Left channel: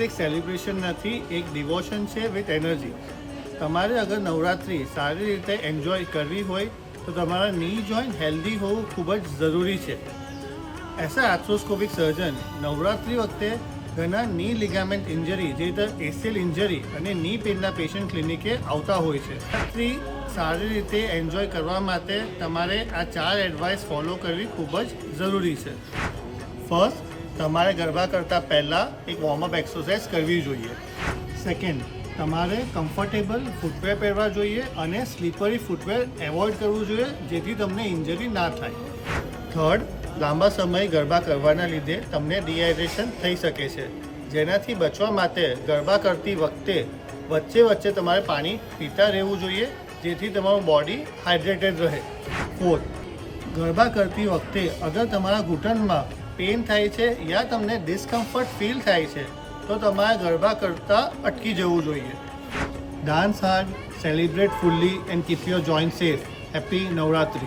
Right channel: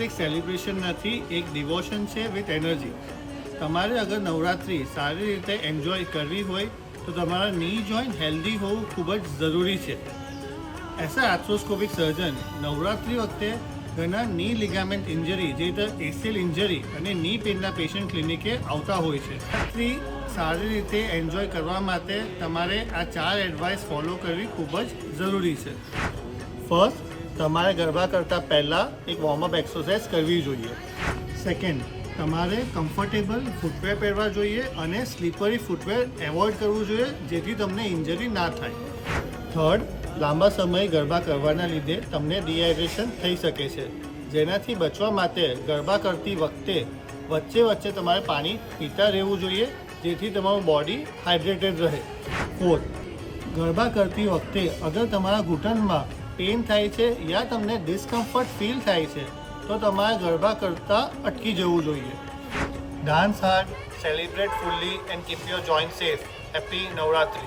નવરાત્રિ એક સેલિબ્રેશન નથી, એક ડિવોશન છે વિથ એનર્જી. તમારે અગર નવરાત્રિ સારી રીતે એન્જોય કરવી હોય તો તમારા ની જોઈન્ટ હેલ્ધી હોવું ખૂબ જ જરૂરી છે. એઝ આર્થ્રોસ્કોપિક સર્જન નવરાત્રિ વખતે ઘણા ની લિગામેન્ટ ઇન્જરી, જે રીતે એસીએલ ઇન્જરી અને ની પેનના પેશન્ટ ક્લિનિકે આવતા હોય છે. નવરાત્રિ સારી રીતે એન્જોય કરવા માટે તમારે આ 4 એડવાઇસ ફોલો કરવી ખૂબ જ જરૂરી છે. ફર્સ્ટ, તમારે ગરબા કરતાં પહેલાં એક વોર્મઅપ એક્સરસાઇઝ કરવી જોઈએ. સેકન્ડ, તમારે કમ્ફર્ટેબલ ફૂટવેર પહેરવા જોઈએ અને સ્લીપરી ફૂટવેર એવોઇડ કરવું જોઈએ, જેથી તમને ઇન્જરી ના થાય. થર્ડ, લાંબા સમય ગરબા કરવાના લીધે તમને ડિહાઇડ્રેશન થઈ શકે છે, જેનાથી બચવા માટે ગરબા કરતી વખતે વચ્ચે વચ્ચે તમારે પાણી પીતા રહેવું જોઈએ, જેથી તમારું બોડી હાઇડ્રેટેડ રહે. ફોર્થ, ગરબા કરતી વખતે અગર તમારા ઘૂંટણમાં પેઇન થાય છે યા તમને ડિસ્કમ્ફર્ટ ફીલ થાય છે તો તમારે ગરબા કરતાં અટકી જવું જોઈએ. Dance hard, celebrate fully and keep your joint safe. Happy Navratri.